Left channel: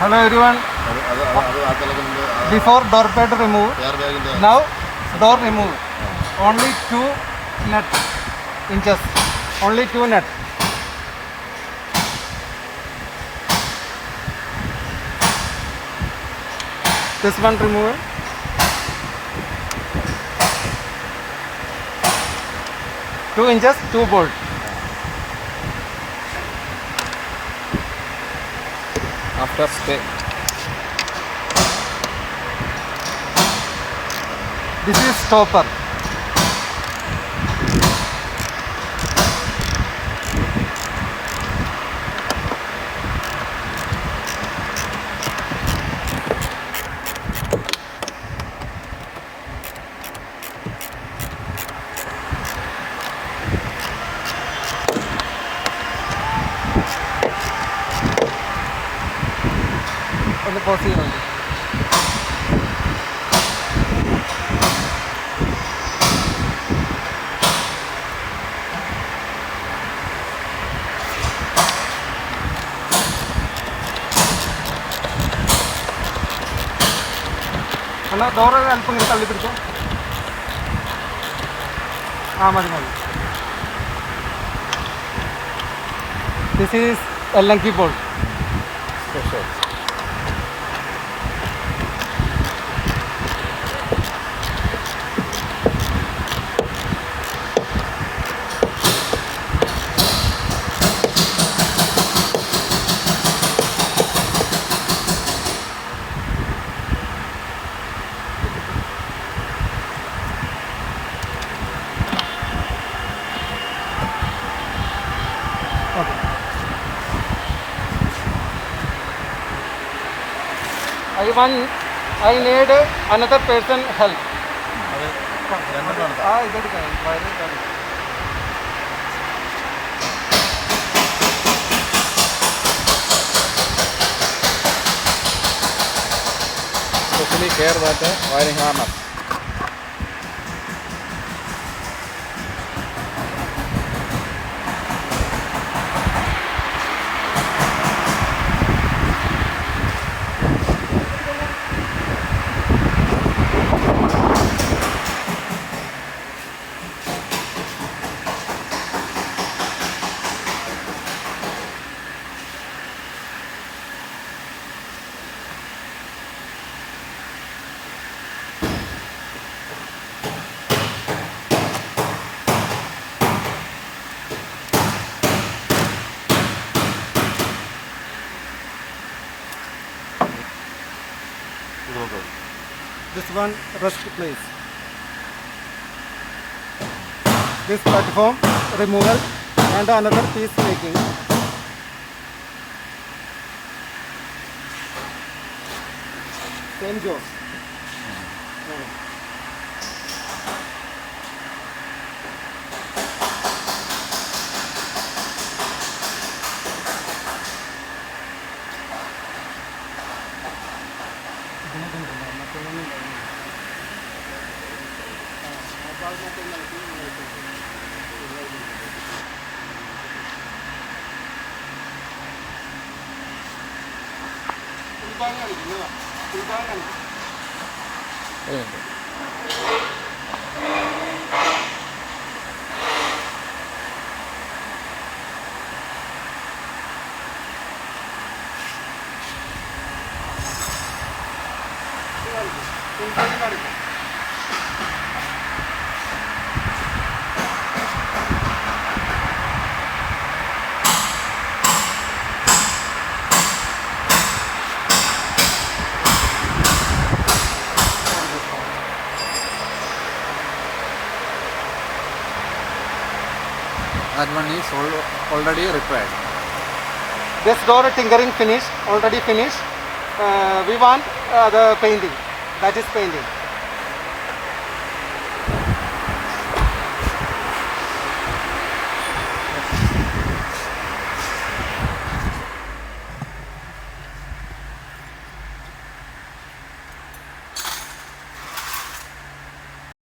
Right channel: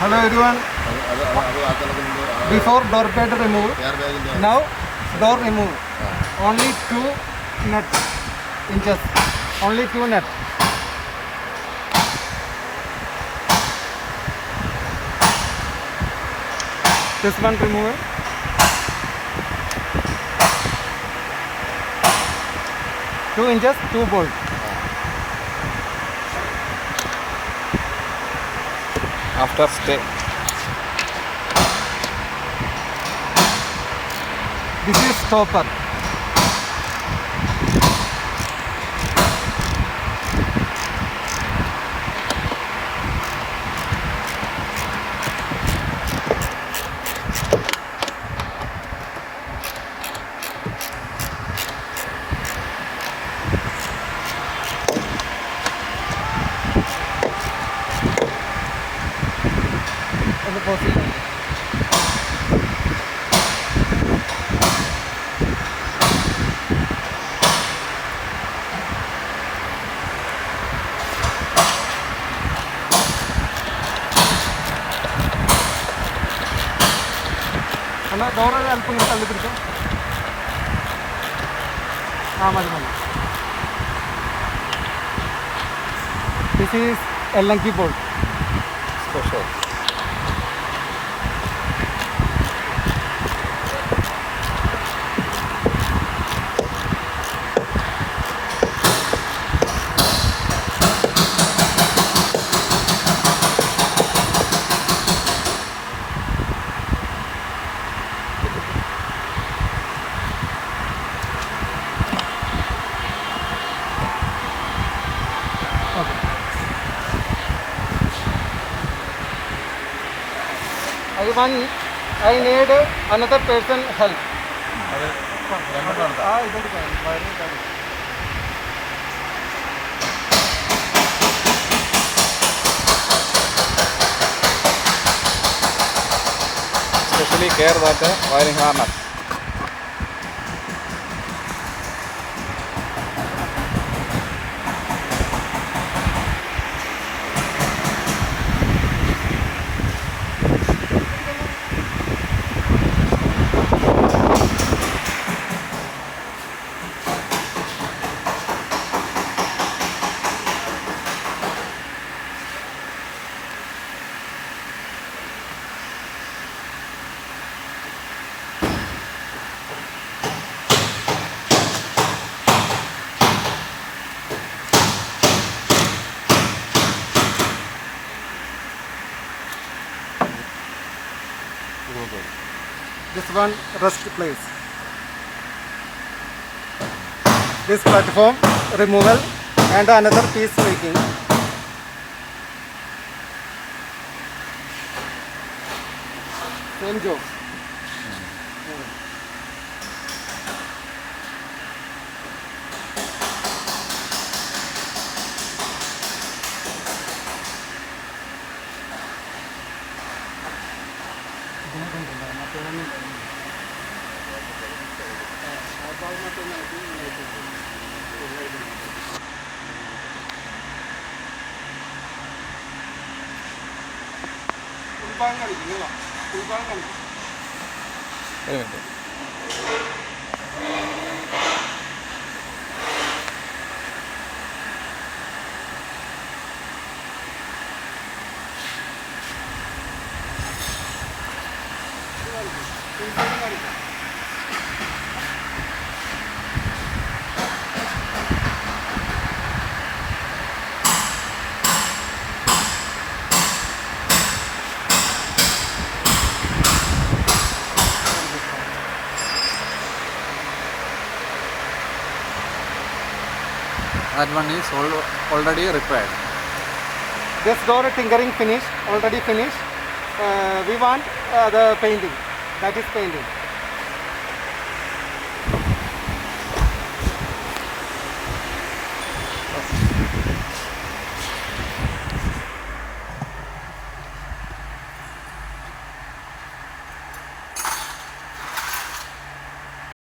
Hello everyone. Before door pad remove, now door remove. Only 2 nuts inches. Only 2 nuts. This one remove. Two inches, 2 bolt. After stay. This is stopper. ഒന്ന് pause ചെയ്യാം. എന്നാൽ ഡോറൊക്കെ അല്പം കൂടി തള്ളി പിടിച്ചോ. മതി. ദിസ് ഈസ് എല്ലങ്കി bolt. Special. I need another person help. Especially care that wiring harness. This one rest place. This platform removal and another piece making. Same job. Very good. That one is already repaired. This door tinkering finished, already finished. We want the painting. That is painting.